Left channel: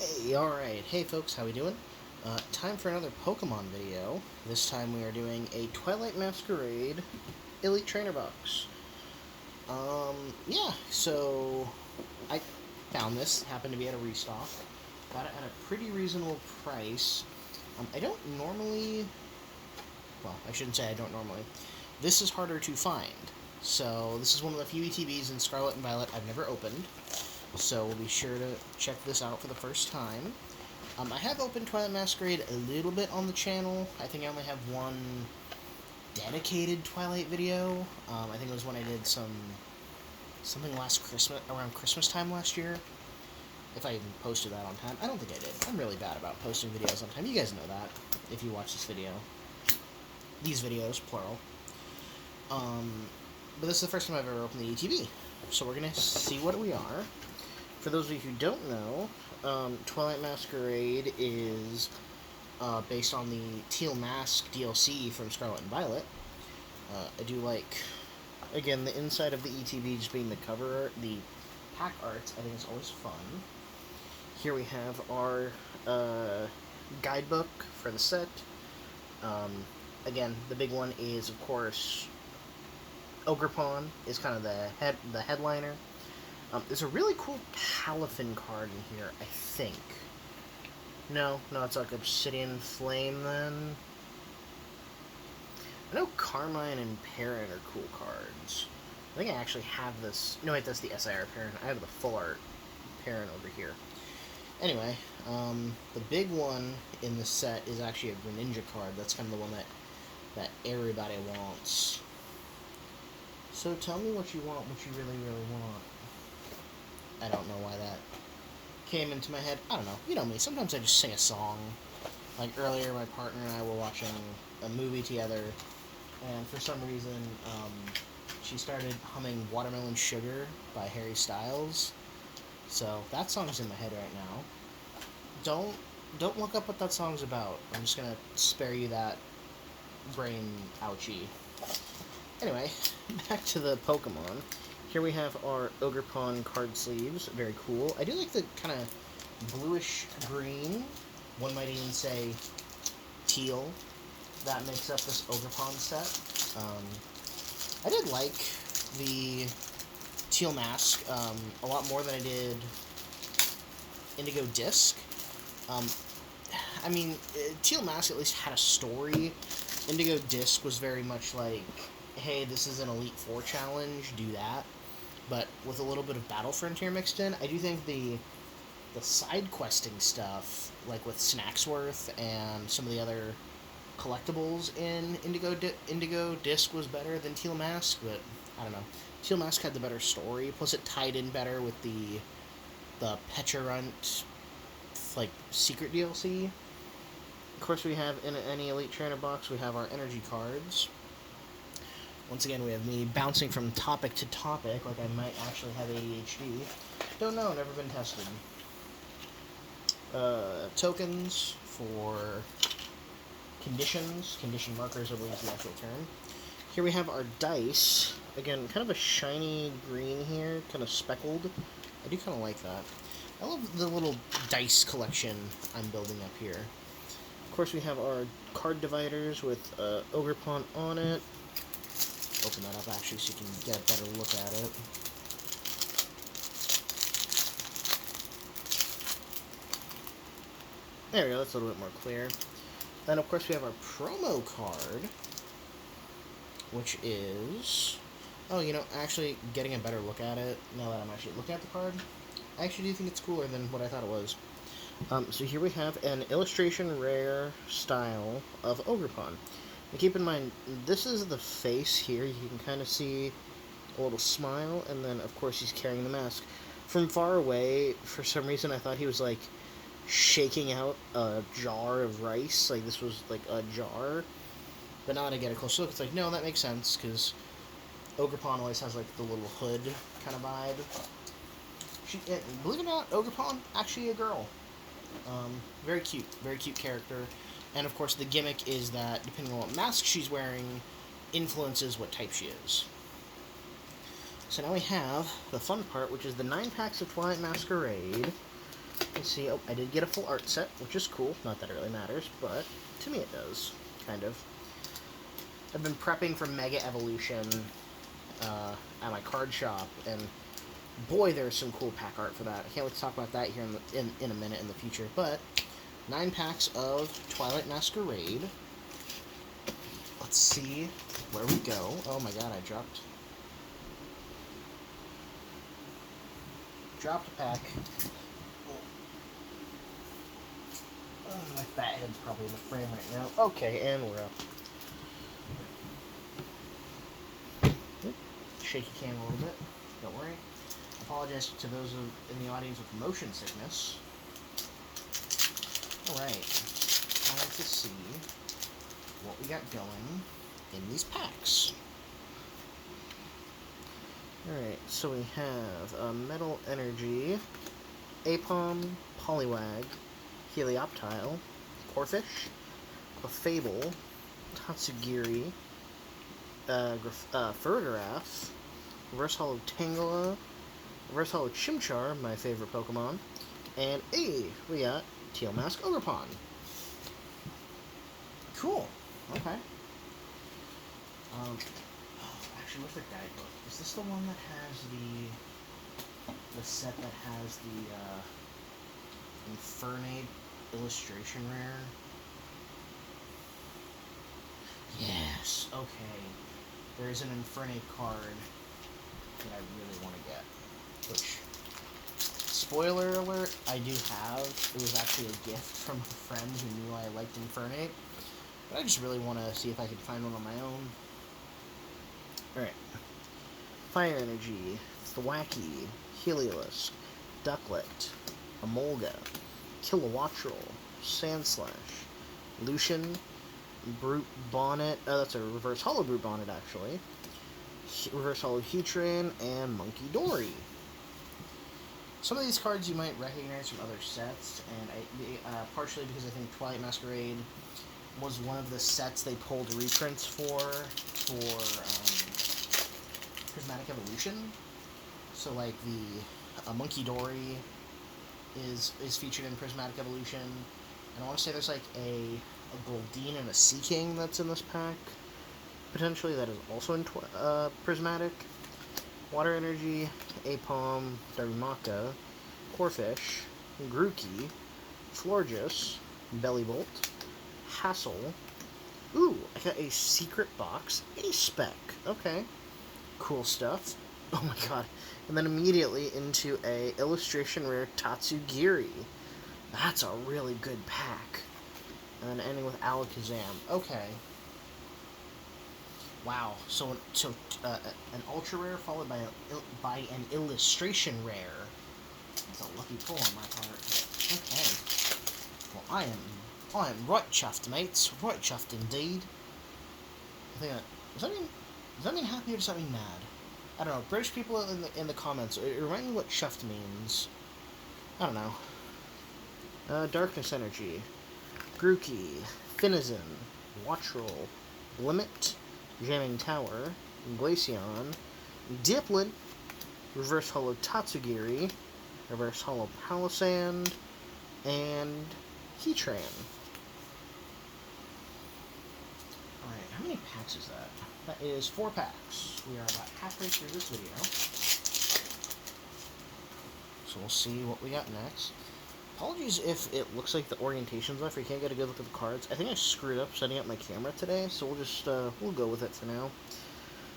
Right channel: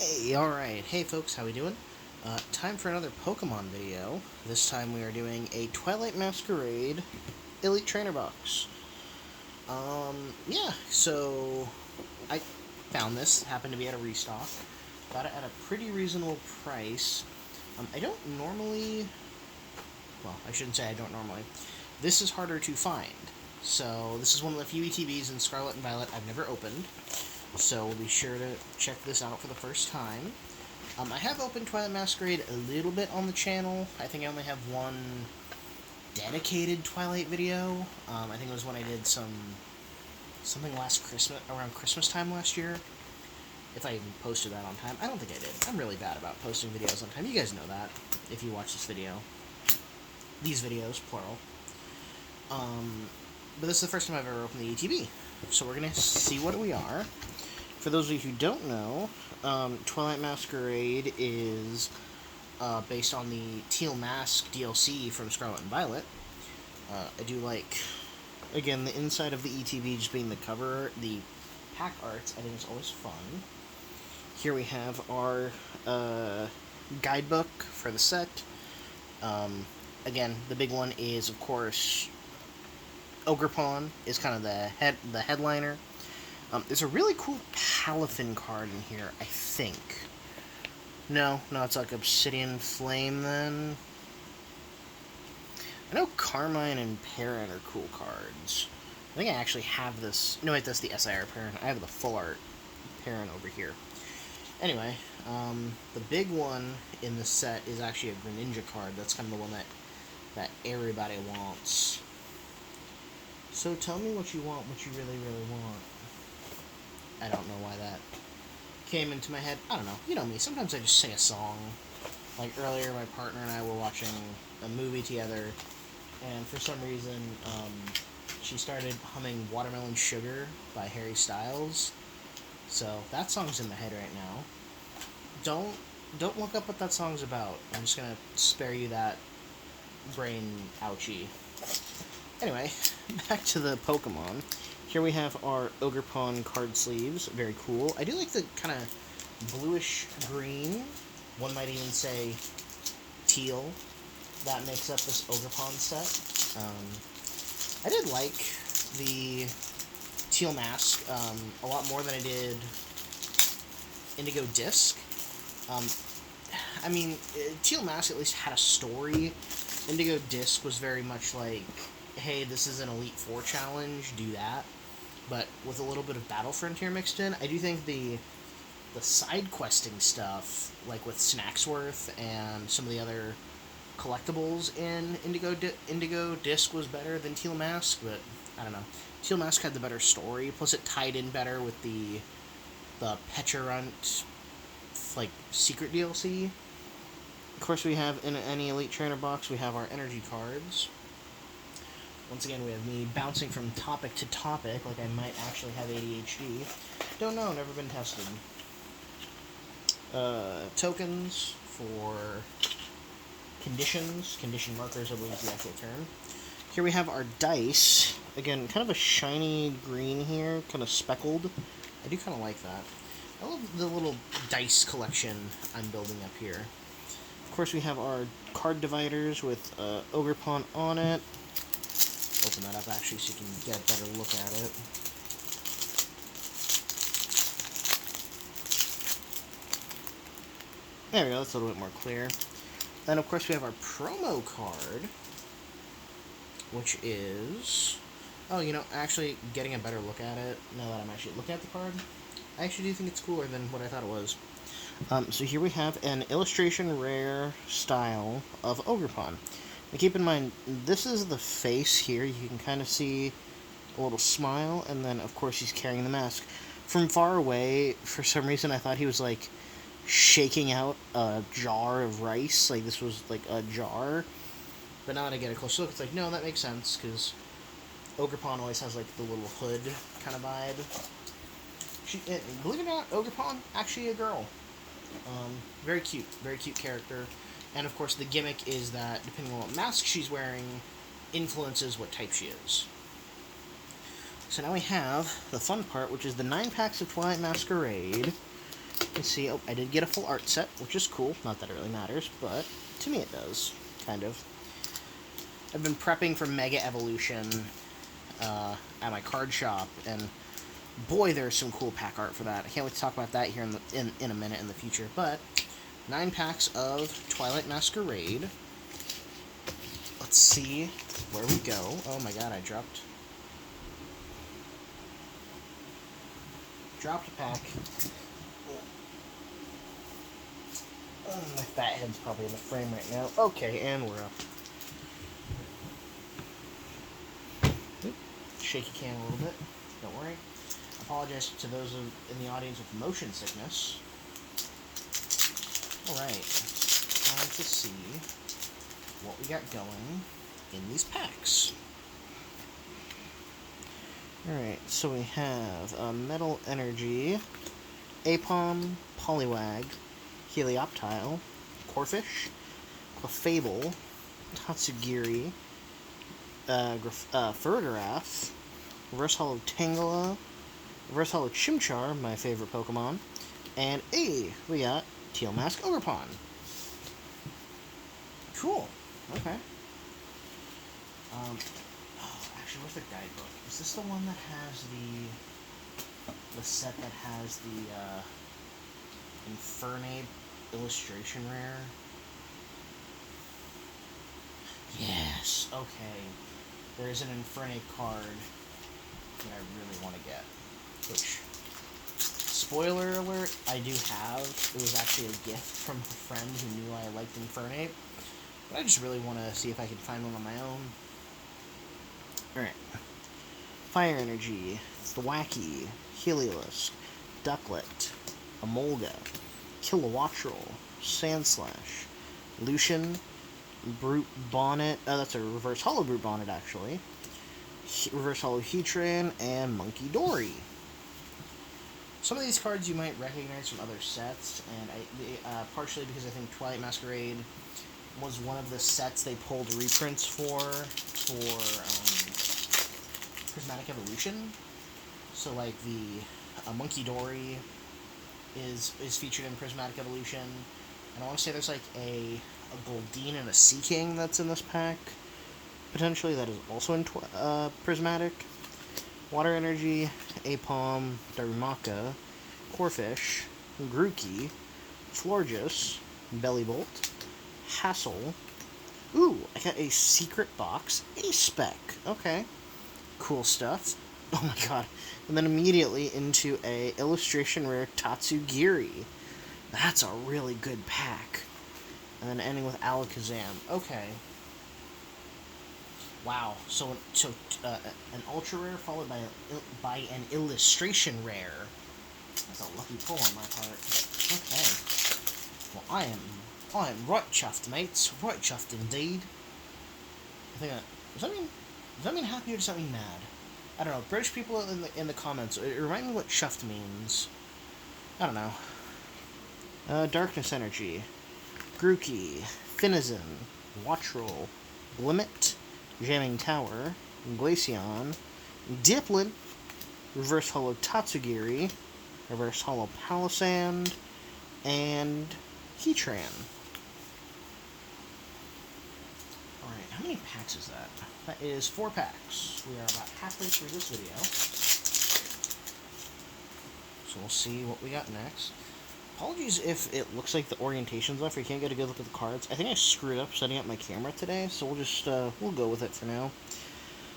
Hey, alright. Hey folks, how we doing? Time for another Pokemon video. This time we are doing a Twilight Masquerade Elite Trainer Box. Yeah, so I found this, happened to be at a restock. Got it at a pretty reasonable price. I don't normally, well, I shouldn't say I don't normally. This is harder to find. So this is one of the few ETBs in Scarlet and Violet I've never opened. So we'll be sure to check this out for the first time. I have opened Twilight Masquerade a little bit on the channel. I think I only have one dedicated Twilight video. I think it was when I did something last Christmas, around Christmas time last year. If I even posted that on time. I don't think I did. I'm really bad about posting videos on time. You guys know that, if you watch this video. These videos, plural. But this is the first time I've ever opened the ETB. So we're going to see what we are. For those of you who don't know, Twilight Masquerade is based on the Teal Mask DLC from Scarlet and Violet. I do like, again, the inside of the ETB just being the cover art, the pack art, I think it's always fun. Here we have our guidebook for the set. Again, the big one is, of course, Ogrepon is kind of the headliner. There's a really cool Palafin card in here, I think. No, it's like Obsidian Flame, then. I know Carmine and Parrot are cool cards. I think I actually have this. No, wait, that's the SIR Parent. I have the full art Parent over here. Anyway, the big one in the set is actually a Greninja card. That's kind of the one that everybody wants. So tell me what you want, what you really, really want. I don't know why that came into my head. I don't know. You know me. Sometimes I just sing a song. Like earlier, my partner and I were watching a movie together, and for some reason, she started humming Watermelon Sugar by Harry Styles. So that song's in my head right now. Don't look up what that song's about. I'm just gonna spare you that brain ouchie. Anyway, back to the Pokemon. Here we have our Ogrepon card sleeves. Very cool. I do like the kind of bluish green. One might even say teal. That makes up this Ogrepon set. I did like the Teal Mask a lot more than I did Indigo Disc. I mean, Teal Mask at least had a story. Indigo Disc was very much like, hey, this is an Elite Four challenge, do that. But with a little bit of Battle Frontier mixed in, I do think the side questing stuff, like with Snacksworth and some of the other collectibles in Indigo Disc was better than Teal Mask, but I don't know. Teal Mask had the better story, plus it tied in better with the Pecharunt, like, secret DLC. Of course, we have, in any Elite Trainer box, we have our energy cards. Once again, we have me bouncing from topic to topic, like I might actually have ADHD. Don't know, never been tested. Tokens for conditions. Condition markers, I believe is the actual term. Here we have our dice. Again, kind of a shiny green here, kind of speckled. I do kind of like that. I love the little dice collection I'm building up here. Of course, we have our card dividers with Ogrepon on it. Open that up actually so you can get a better look at it. There we go, that's a little bit more clear. Then of course we have our promo card, which is, oh, you know, actually getting a better look at it now that I'm actually looking at the card, I actually do think it's cooler than what I thought it was. So here we have an illustration rare style of Ogrepon. Now keep in mind, this is the face here. You can kind of see a little smile, and then, of course, he's carrying the mask. From far away, for some reason, I thought he was, like, shaking out a jar of rice. Like, this was, like, a jar. But now that I get a close look, it's like, no, that makes sense, because Ogrepon always has, like, the little hood kind of vibe. Believe it or not, Ogrepon, actually a girl. Very cute character. And of course the gimmick is that depending on what mask she's wearing influences what type she is. So now we have the fun part, which is the 9 packs of Twilight Masquerade. can see, oh, I did get a full art set, which is cool. Not that it really matters, but to me it does, kind of. I've been prepping for Mega Evolution at my card shop, and boy, there's some cool pack art for that. I can't wait to talk about that here in a minute in the future. But 9 packs of Twilight Masquerade. Let's see where we go. Oh my god, I dropped a pack. Oh, my fat head's probably in the frame right now. Okay, and we're up. Shaky cam a little bit. Don't worry. I apologize to those in the audience with motion sickness. Alright. Time to see what we got going in these packs. Alright, so we have Metal Energy, Apom, Poliwag, Helioptile, Corphish, Clefable, Tatsugiri, Ferdaraf, Reverse Hollow Tangela, Reverse Hollow Chimchar, my favorite Pokemon, and we got Twlight Masquerade Ogrepon. Cool. Okay. Actually, where's the guidebook? Is this the one that has the set that has the Infernape illustration rare? Yes. Okay. There's an Infernape card that I really want to get. Which, spoiler alert, I do have. It was actually a gift from a friend who knew I liked Infernape. But I just really want to see if I can find one on my own. Alright. Fire Energy, Thwackey, Heliolisk, Ducklet, Emolga, Kilowattrel, Sandslash, Lucian, Brute Bonnet, that's a Reverse Hollow Brute Bonnet actually, Reverse Hollow Heatran, and Monkey Dory. Some of these cards you might recognize from other sets, and partially because I think Twilight Masquerade was one of the sets they pulled reprints for Prismatic Evolution. So like the Monkey Dory is featured in Prismatic Evolution, and I want to say there's like a Goldeen and a Seaking that's in this pack, potentially, that is also in Prismatic. Water Energy, Apom, Darumaka, Corphish, Grookey, Florges, Bellibolt, Hassel. Ooh, I got a secret box, a spec. Okay, cool stuff. Oh my god. And then immediately into a illustration rare Tatsugiri. That's a really good pack. And then ending with Alakazam. Okay. Wow. So an ultra rare followed by an illustration rare. That's a lucky pull on my part. Okay. Well, I am right chuffed, mates. Right chuffed indeed. I think does that mean happy or does that mean mad? I don't know. British people in the comments, remind me what chuffed means. I don't know. Darkness Energy, Grookey, Finizen, Wattrel, Limit, Jamming Tower, Glaceon, Dipplin, Reverse Hollow Tatsugiri, Reverse Hollow Palisand, and Heatran. Alright, how many packs is that? That is 4 packs. We are about halfway through this video. So we'll see what we got next. Apologies if it looks like the orientation's off or you can't get a good look at the cards. I think I screwed up setting up my camera today, so we'll just, we'll go with it for now.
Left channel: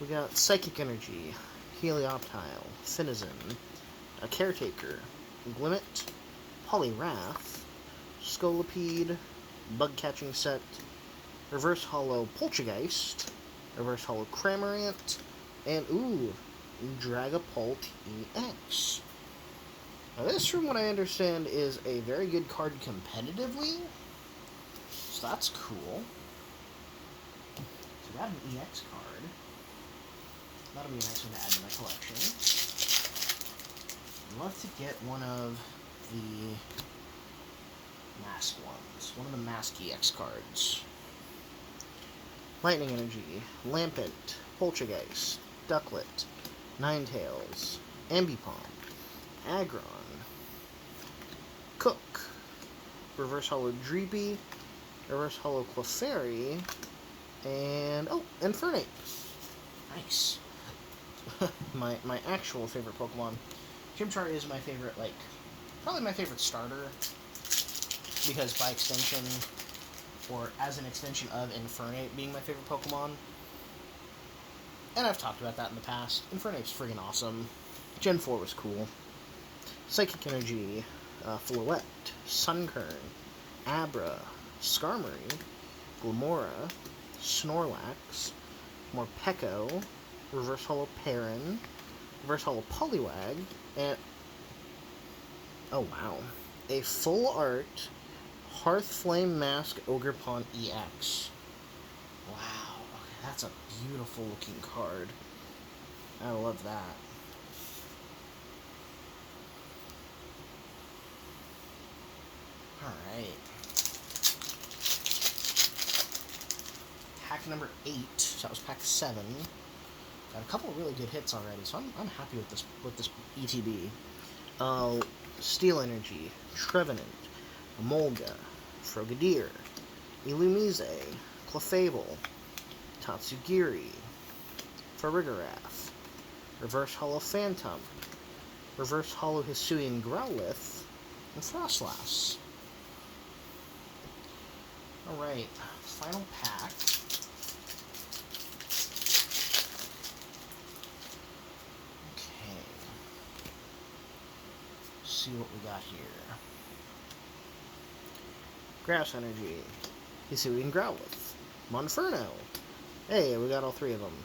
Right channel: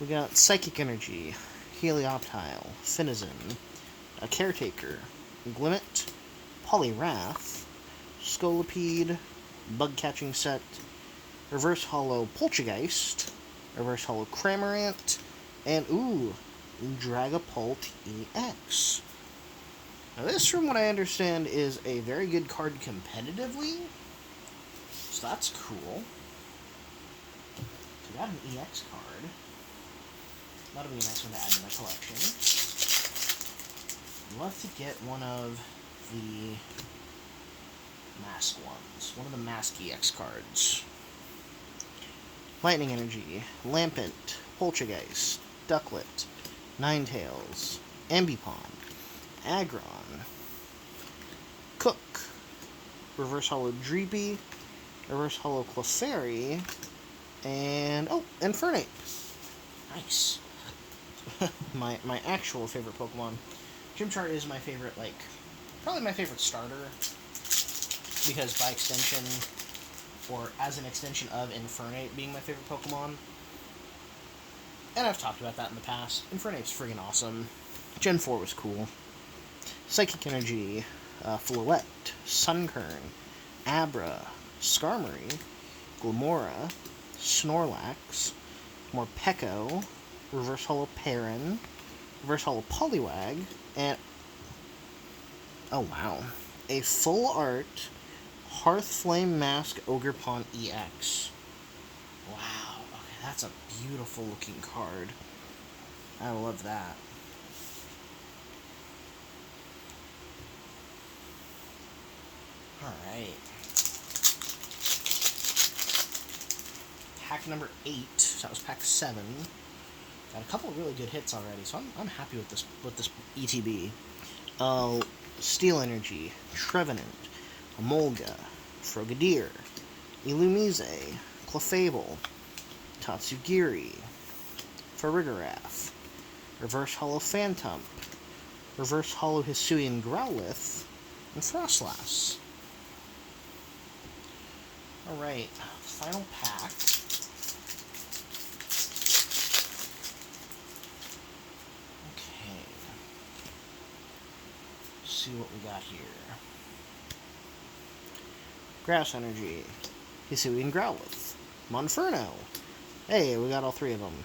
We got Psychic Energy, Helioptile, Finizen, a Caretaker, Glimmet, Poliwrath, Scolipede, Bug Catching Set, Reverse Hollow Poltergeist, Reverse Hollow Cramorant, and Dragapult EX. Now this, from what I understand, is a very good card competitively, so that's cool. So we got an EX card. That'll be a nice one to add to my collection. I'd love to get one of the mask ones. One of the mask EX cards. Lightning Energy, Lampent, Poltergeist, Ducklet, Ninetales, Ambipom, Aggron, Cook, Reverse Holo Dreepy, Reverse Holo Clefairy, and, oh, Infernape. Nice. my actual favorite Pokemon. Chimchar is my favorite, like, probably my favorite starter, because by extension, or as an extension of Infernape being my favorite Pokemon, and I've talked about that in the past, Infernape's friggin' awesome. Gen 4 was cool. Psychic Energy, Floette, Sunkern, Abra, Skarmory, Glimmora, Snorlax, Morpeko, Reverse Holo Perrin, Reverse Holo Poliwag, and, oh wow, a full art Hearthflame Mask Ogrepon EX. Wow, okay, that's a beautiful looking card. I love that. Alright. Pack number 8. That was pack 7. Got a couple of really good hits already, so I'm happy with this ETB. Steel Energy, Trevenant, Emolga, Frogadier, Illumise, Clefable, Tatsugiri, Farigiraf, Reverse Holo Phantom, Reverse Holo Hisuian Growlithe, and Frostlass. Alright, final pack. Okay. Let's see what we got here. Grass Energy, Hisuian Growlithe, Monferno. Hey, we got all 3 of them.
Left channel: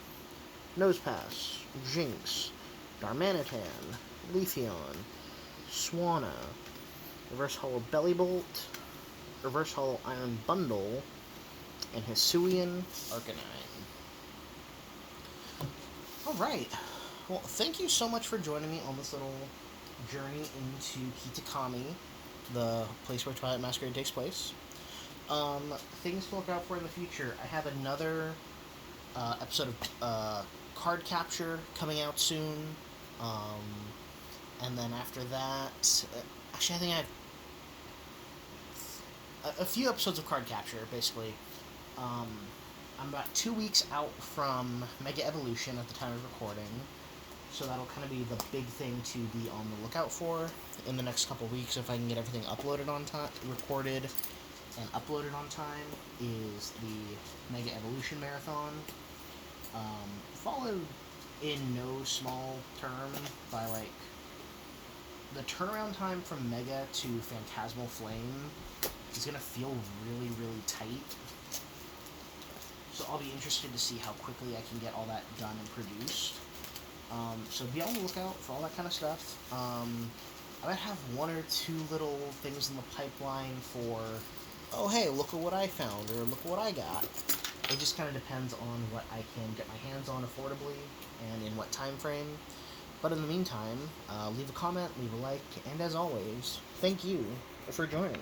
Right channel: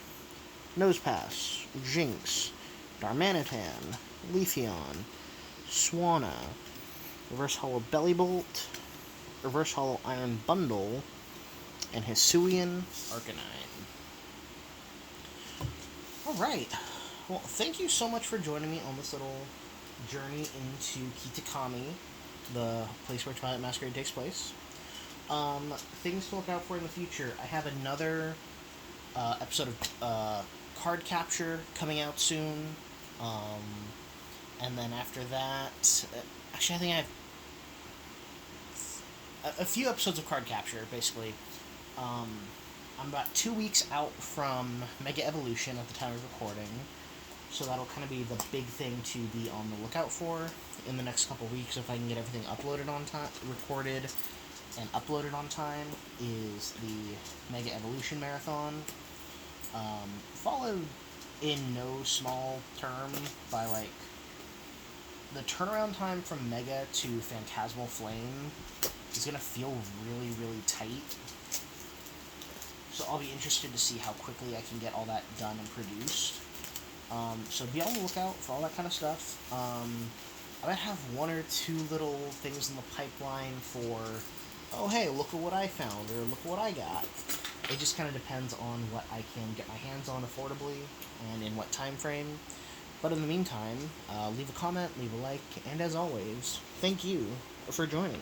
Nosepass, Jinx, Darmanitan, Leafeon, Swanna, Reverse Holo Bellibolt, Reverse Holo Iron Bundle, and Hisuian Arcanine. Alright. Well, thank you so much for joining me on this little journey into Kitakami, the place where Twilight Masquerade takes place. Things to look out for in the future. I have another episode of card capture coming out soon. And then after that, actually, I think I have a few episodes of card capture, basically. I'm about 2 weeks out from Mega Evolution at the time of recording, so that'll kind of be the big thing to be on the lookout for in the next couple weeks. If I can get everything uploaded on time, recorded and uploaded on time, is the Mega Evolution Marathon, followed in no small term by, like, the turnaround time from Mega to Phantasmal Flame is going to feel really, really tight. So I'll be interested to see how quickly I can get all that done and produced. So be on the lookout for all that kind of stuff. I might have 1 or 2 little things in the pipeline for, oh hey, look at what I found, or look what I got. It just kind of depends on what I can get my hands on affordably and in what time frame. But in the meantime, leave a comment, leave a like, and as always, thank you for joining.